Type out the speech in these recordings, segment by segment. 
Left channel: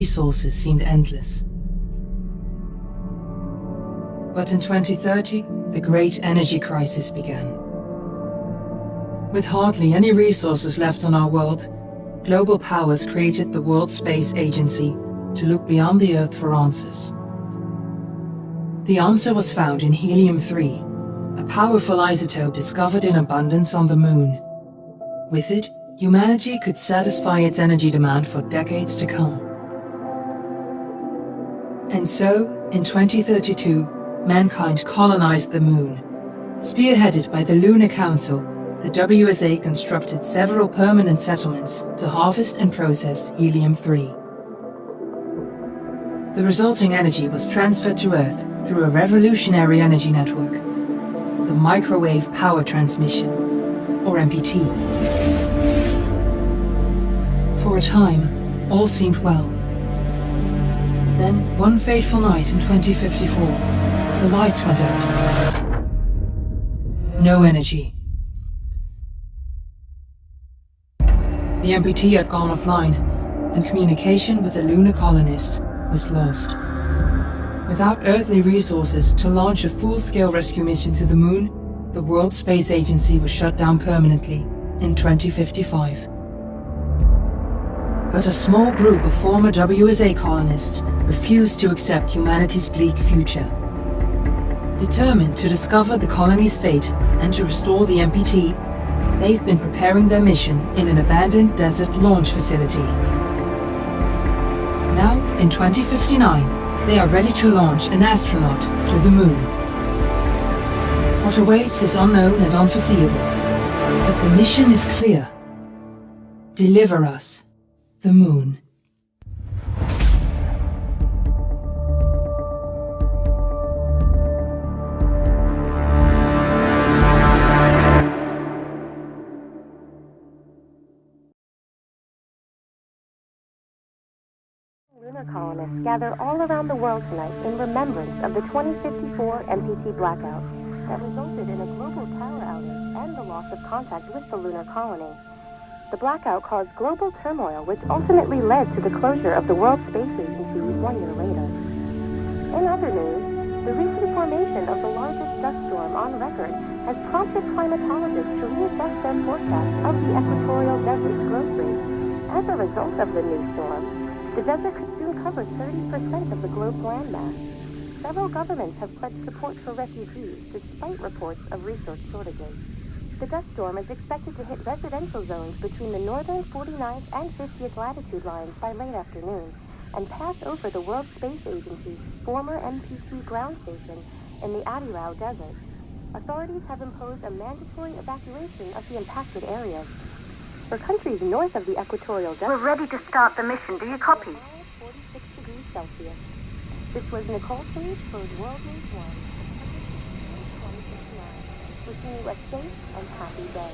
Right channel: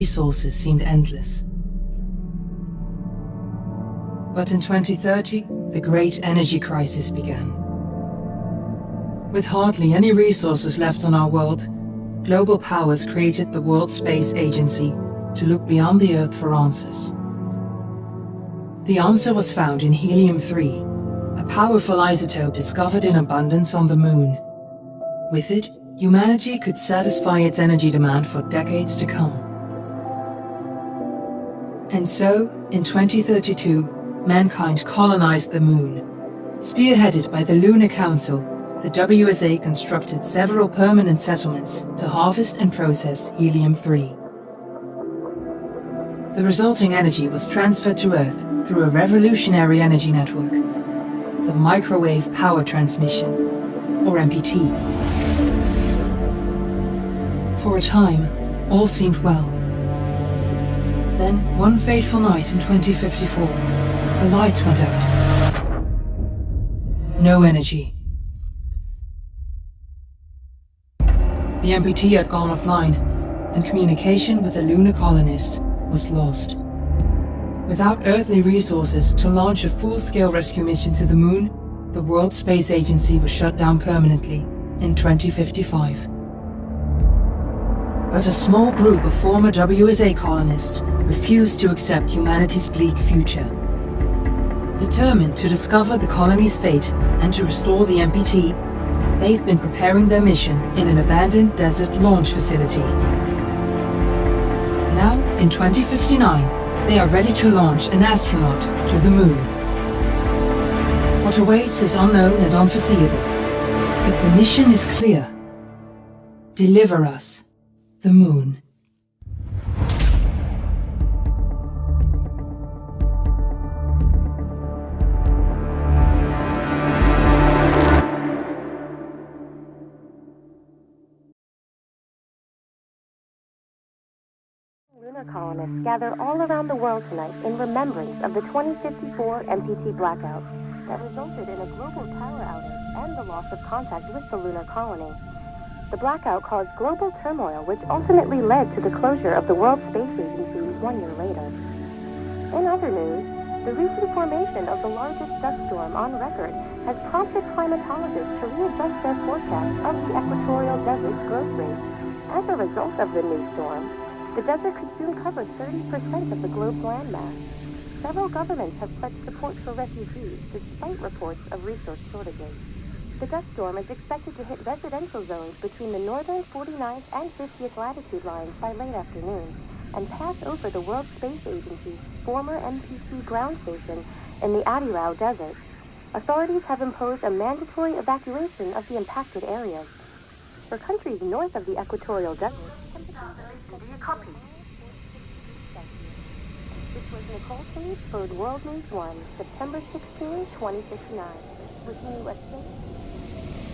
resources seemed endless. But in 2030, the great energy crisis began. With hardly any resources left on our world, global powers created the World Space Agency to look beyond the Earth for answers. The answer was found in helium-3, a powerful isotope discovered in abundance on the Moon. With it, humanity could satisfy its energy demand for decades to come. And so, in 2032, mankind colonized the Moon. Spearheaded by the Lunar Council, the WSA constructed several permanent settlements to harvest and process helium-3. The resulting energy was transferred to Earth through a revolutionary energy network, the Microwave Power Transmission, or MPT. For a time, all seemed well. Then, one fateful night in 2054, the lights went out. No energy. The MPT had gone offline, and communication with the lunar colonist was lost. Without earthly resources to launch a full-scale rescue mission to the Moon, the World Space Agency was shut down permanently in 2055. But a small group of former WSA colonists refused to accept humanity's bleak future. Determined to discover the colony's fate and to restore the MPT, they've been preparing their mission in an abandoned desert launch facility. Now, in 2059, they are ready to launch an astronaut to the Moon. What awaits is unknown and unforeseeable, but the mission is clear. Deliver us the Moon. Lunar colonists gather all around the world tonight in remembrance of the 2054 MPT blackout that resulted in a global power outage and the loss of contact with the lunar colony. The blackout caused global turmoil, which ultimately led to the closure of the World Space Agency 1 year later. In other news, the recent formation of the largest dust storm on record has prompted climatologists to readjust their forecast of the equatorial desert's growth rate. As a result of the new storm, the desert could soon cover 30% of the globe's landmass. Several governments have pledged support for refugees, despite reports of resource shortages. The dust storm is expected to hit residential zones between the northern 49th and 50th latitude lines by late afternoon, and pass over the World Space Agency's former MPT ground station in the Adirau Desert. Authorities have imposed a mandatory evacuation of the impacted areas. For countries north of the equatorial desert, we're ready to start the mission. Do you copy? 46 degrees Celsius. This was Nicole Page for World News 1, September 16, 2059. Wishing you a safe and happy day.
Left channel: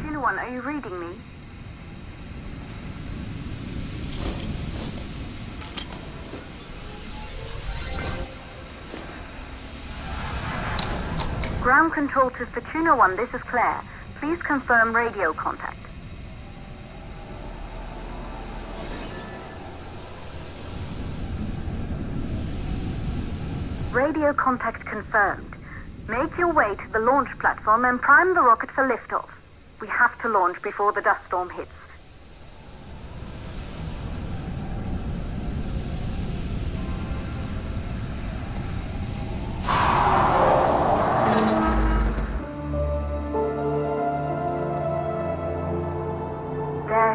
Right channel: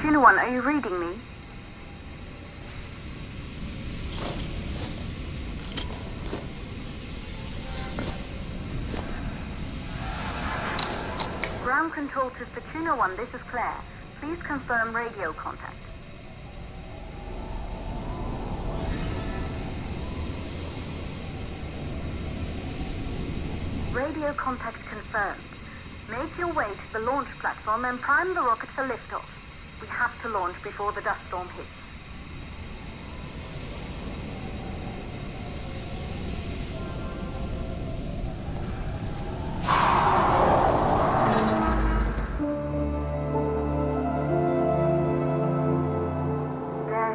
Tuna One, are you reading me? Ground control to Fortuna 1, this is Claire. Please confirm radio contact. Radio contact confirmed. Make your way to the launch platform and prime the rocket for liftoff. We have to launch before the dust storm hits.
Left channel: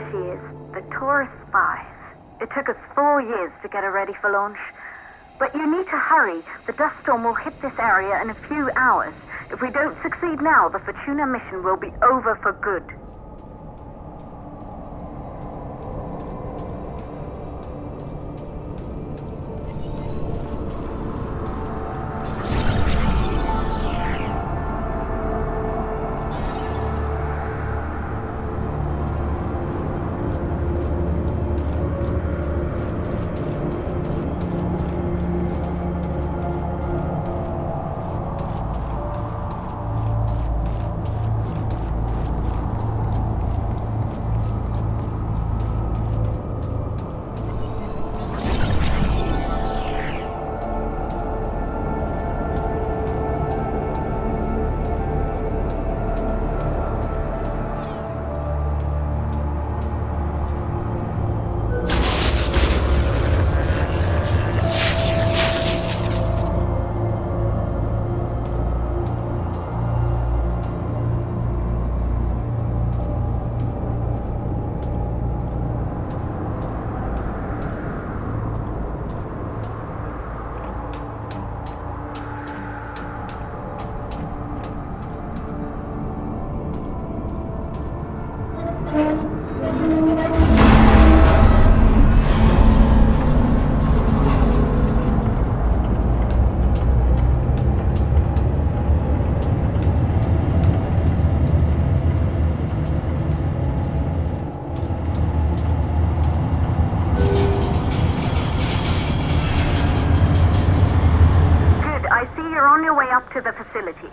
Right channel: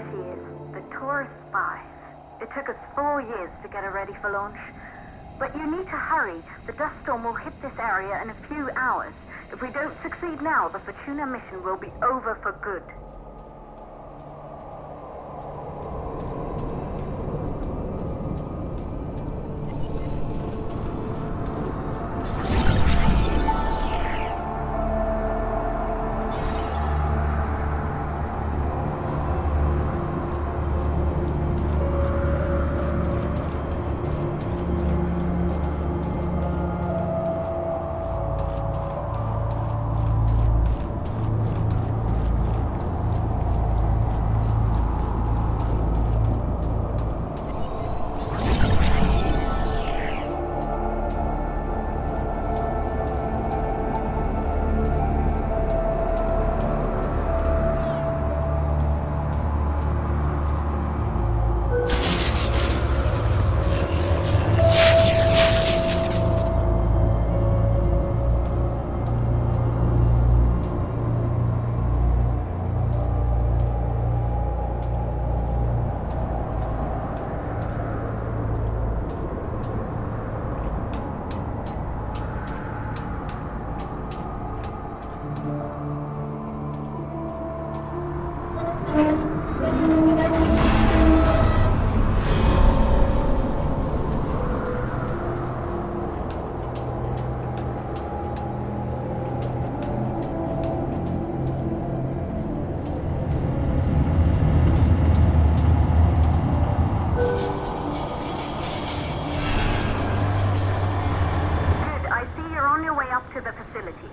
There she is, the Taurus 5. It took us 4 years to get her ready for launch. But you need to hurry. The dust storm will hit this area in a few hours. If we don't succeed now, the Fortuna mission will be over for good. To the facility.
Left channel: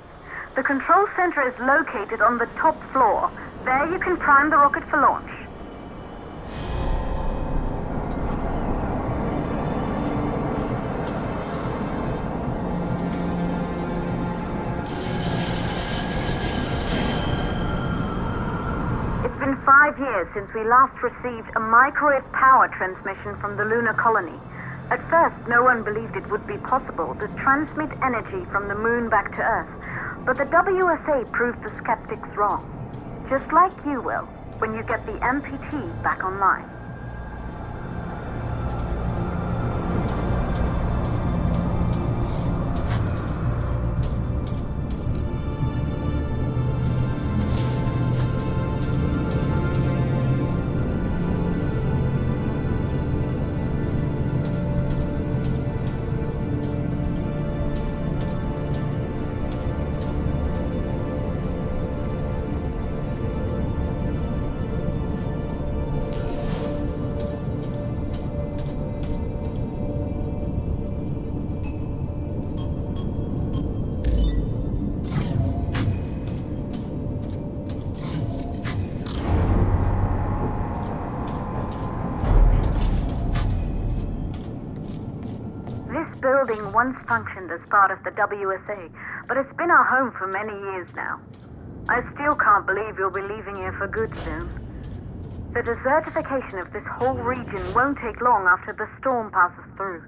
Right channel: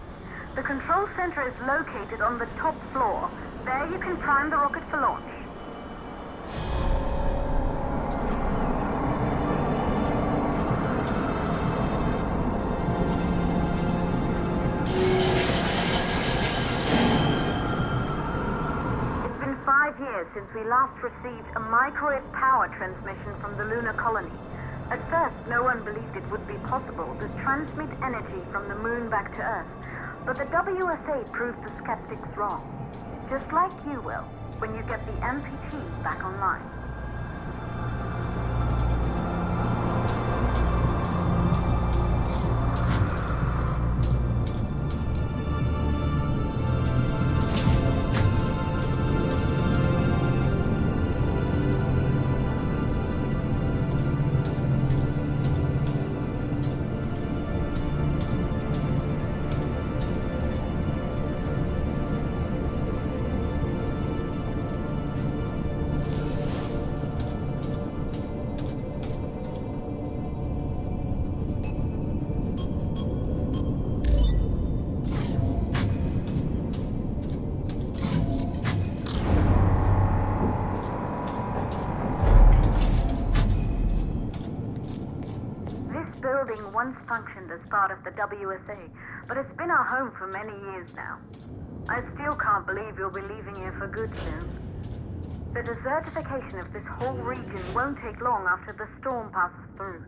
The control center is located on the top floor. There you can prime the rocket for launch. It's been 5 years since we last received a microwave power transmission from the lunar colony. At first, no one believed it would be possible to transmit energy from the moon back to Earth, but the WSA proved the skeptics wrong. Just like you will, when you get the MPT back online. Building once functioned as part of the WSA, but it's been our home for many years now. I still can't believe you'll be leaving here for good soon. The desertification of this whole region won't take long after the storm passes through.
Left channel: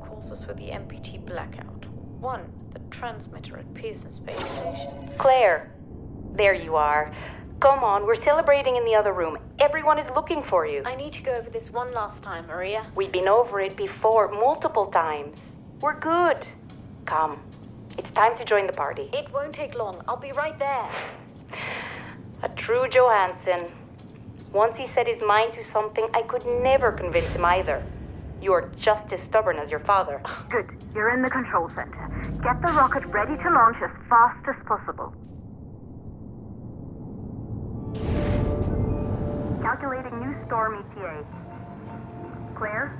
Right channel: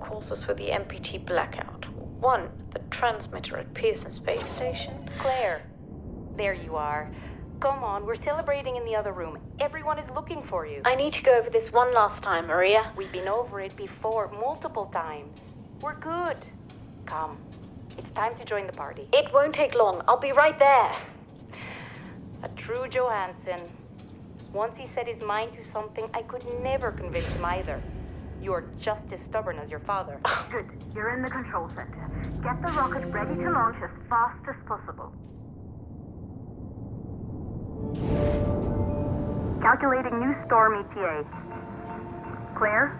Courses for the MPT blackout. 1, the transmitter at Pearson Space Station. Claire, There you are. Come on, we're celebrating in the other room. Everyone is looking for you. I need to go over this one last time, Maria. We've been over it before, multiple times. We're good. Come. It's time to join the party. It won't take long. I'll be right there. A true Johansson. Once he set his mind to something, I could never convince him either. You're just as stubborn as your father. Good. You're in the control center. Get the rocket ready to launch as fast as possible. Calculating new storm ETA. Clear?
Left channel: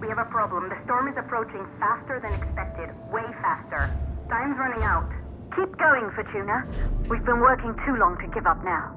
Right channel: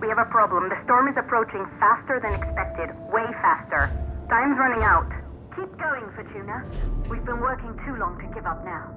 We have a problem. The storm is approaching faster than expected. Way faster. Time's running out. Keep going, Fortuna. We've been working too long to give up now.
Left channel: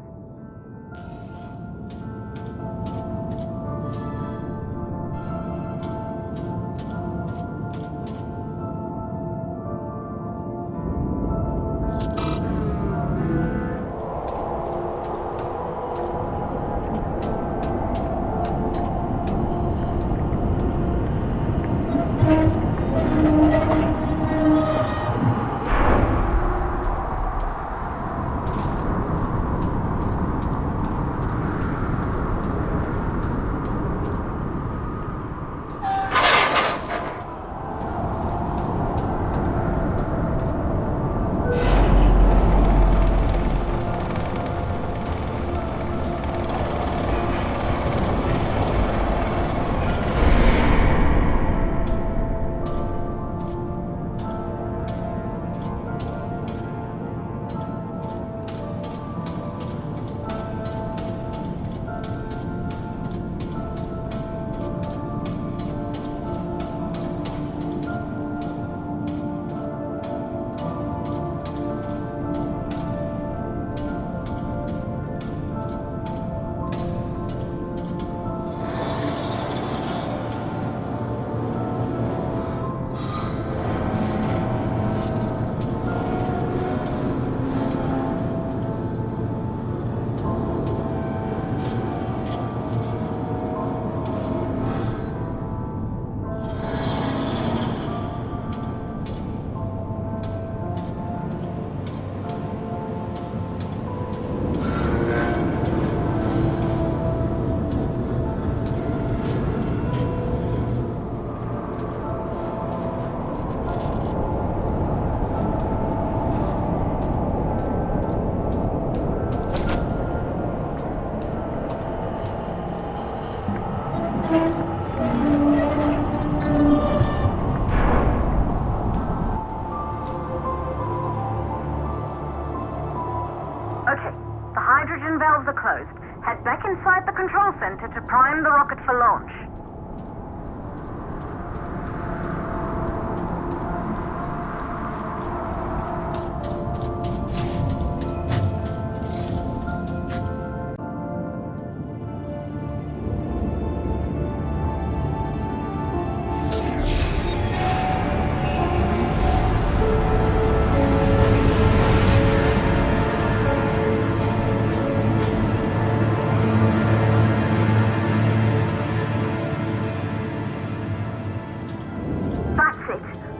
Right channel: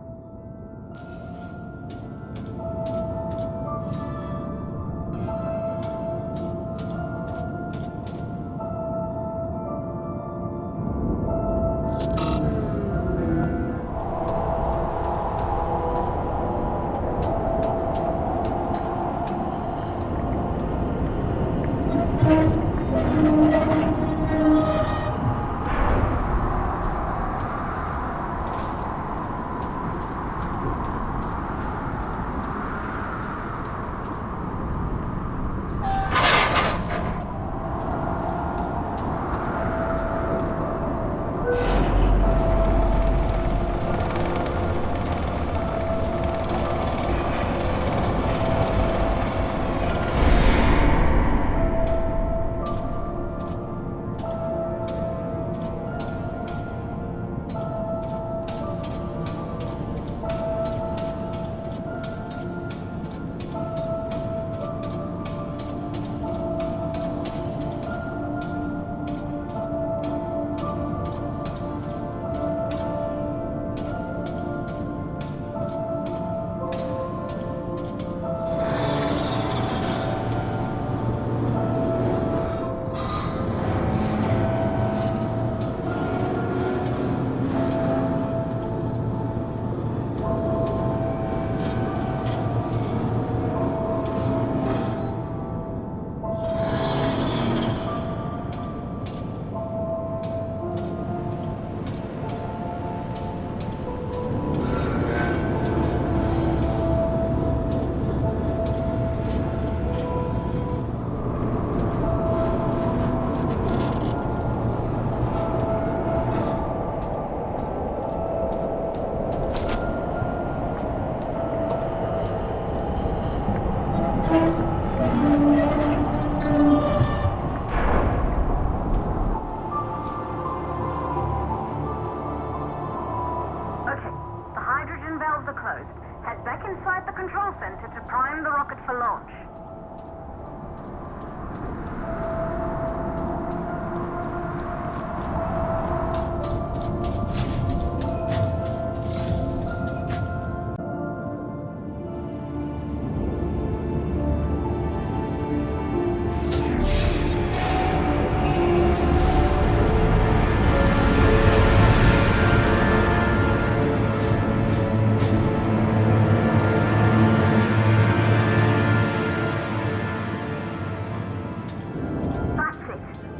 Okay, the hydrogen valves are closed. Head back inside the control center to prime the rocket for launch.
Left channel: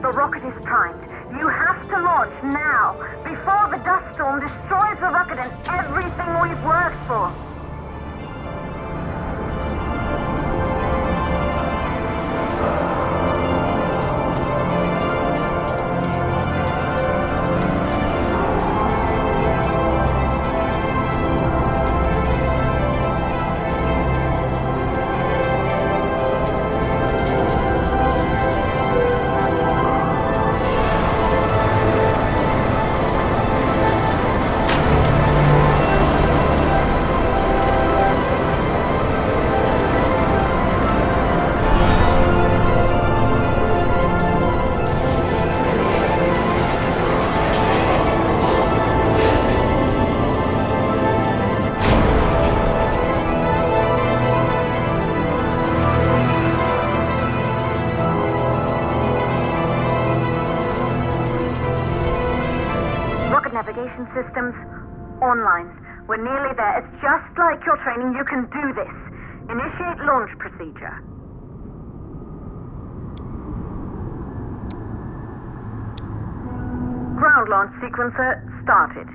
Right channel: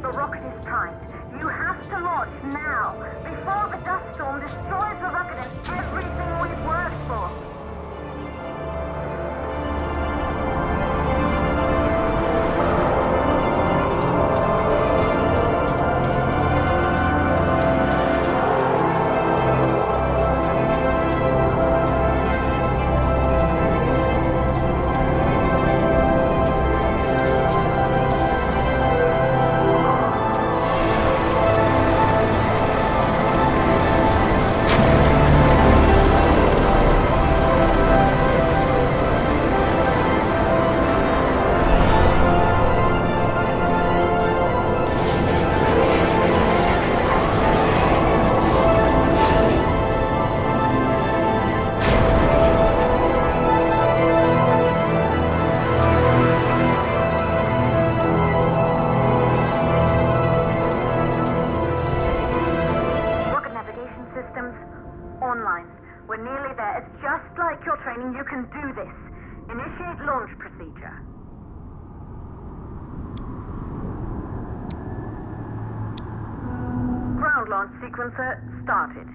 The rocket is primed. You have to launch now, before the dust storm destroys the rocket and everything we've worked for. Navigation systems online. We're nearly there. It's just like your training. You can do this. Initiate launch procedure. Ground launch sequencer started.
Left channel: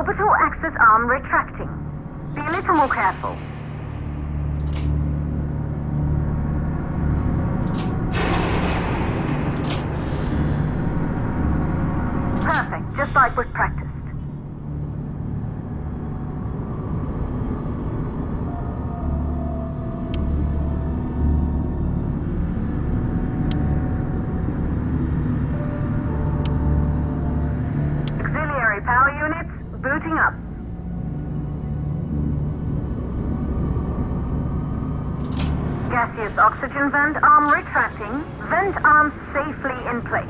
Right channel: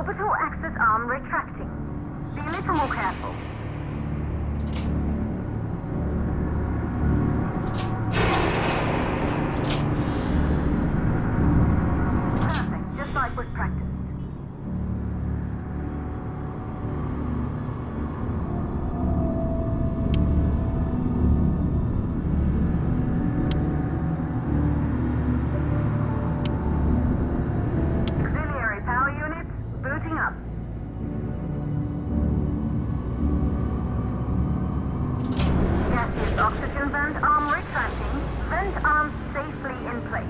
Orbital access arm retracting. Be a little more careful. Perfect, just like was practiced. Auxiliary power units booting up. Gaseous oxygen vent arm retracting. Vent arm safely in place.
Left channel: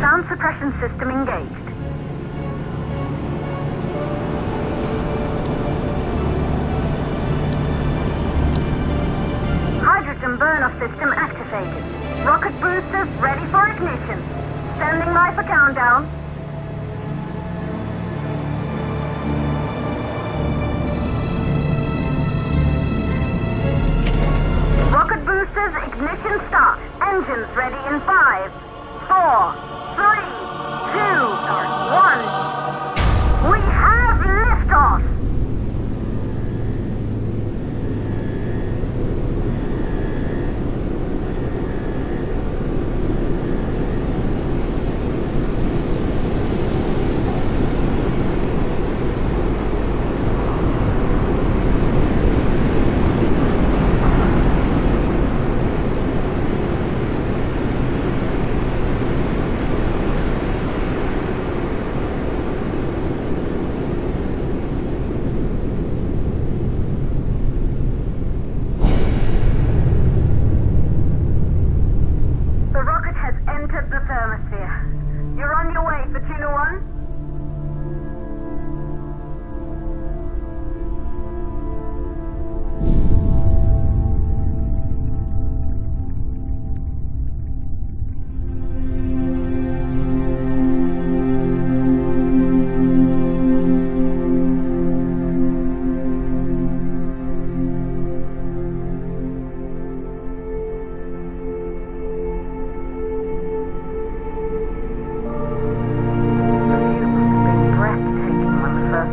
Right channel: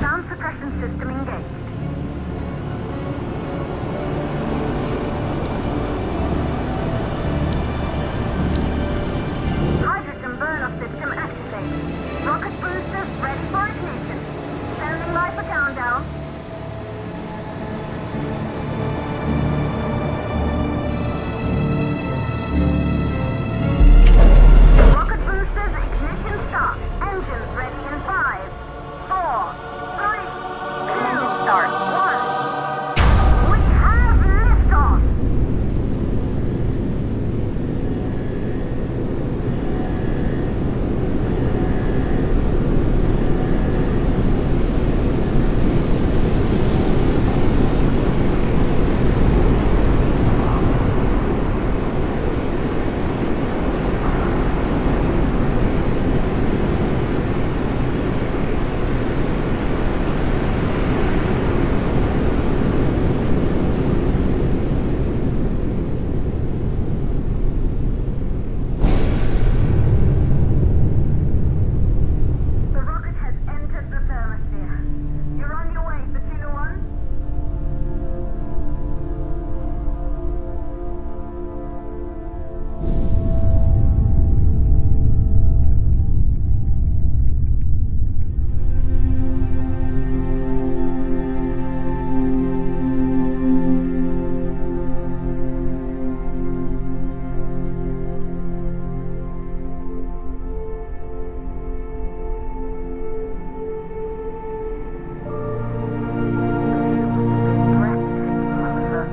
Sound suppression system engaged. Hydrogen burn-off system activated. Rocket boosters ready for ignition. Standing by for countdown. Rocket boosters ignition start. Engines ready in 5, 4, 3, 2, start, 1. We have liftoff!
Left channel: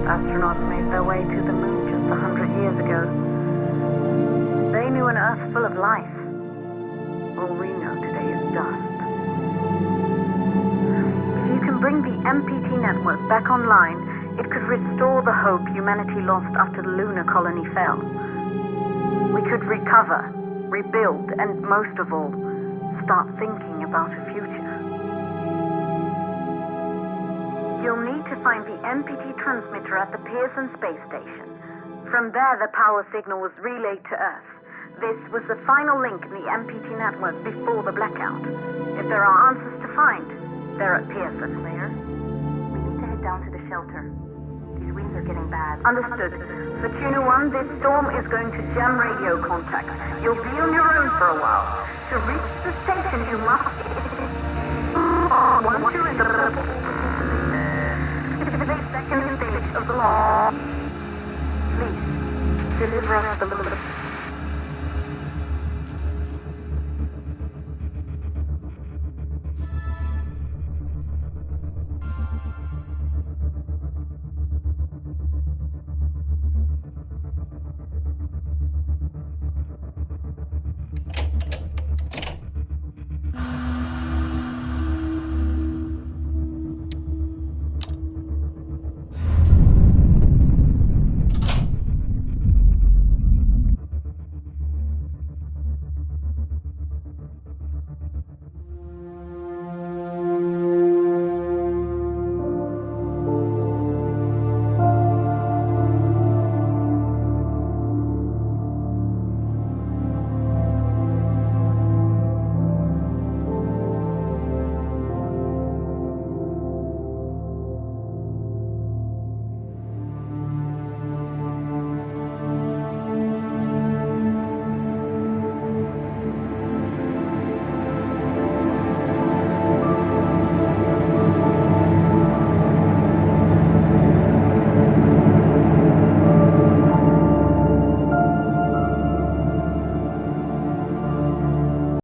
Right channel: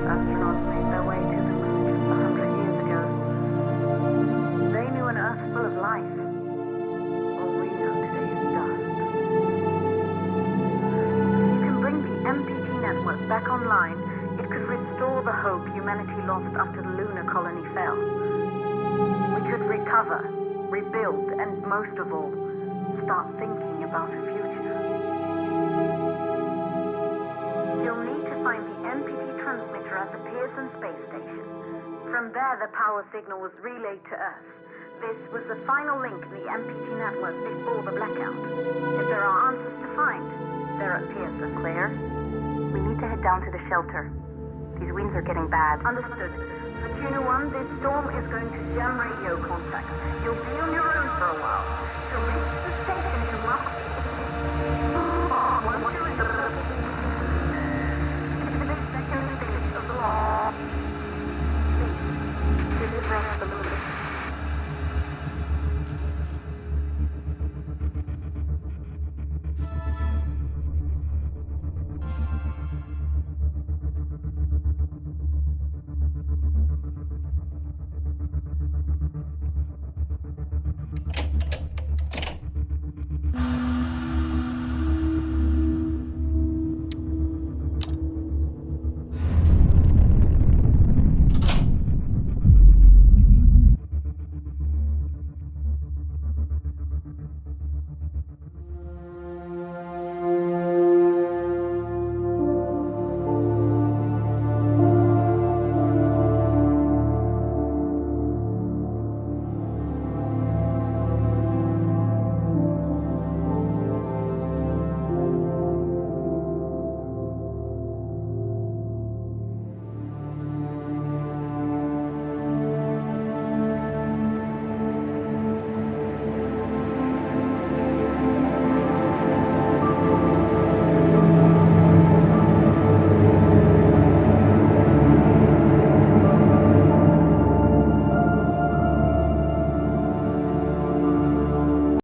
Astronauts made their way to the moon just 100 years ago. They knew an Earth full of life. All we know today is dust. If you can bring the MPT network back online, it could restore the hope humanity lost after the lunar colony fell. We could recover, rebuild, and most of all, start thinking about a future. You'll need to find the MPT transmitter at the Pearson space station. From there, the power signal was relayed to Earth. This was the final link in the MPT network before the blackout. If there are answers to find, they're at Pearson. Claire, we need to head down to the shelter. These winds are getting bad. Understood. For Tuna 1, this storm is going to jam radio contact. You'll be on your own for a while. To reach the station, you must... Once you're in the second stage of the launch, please deliver us the moon.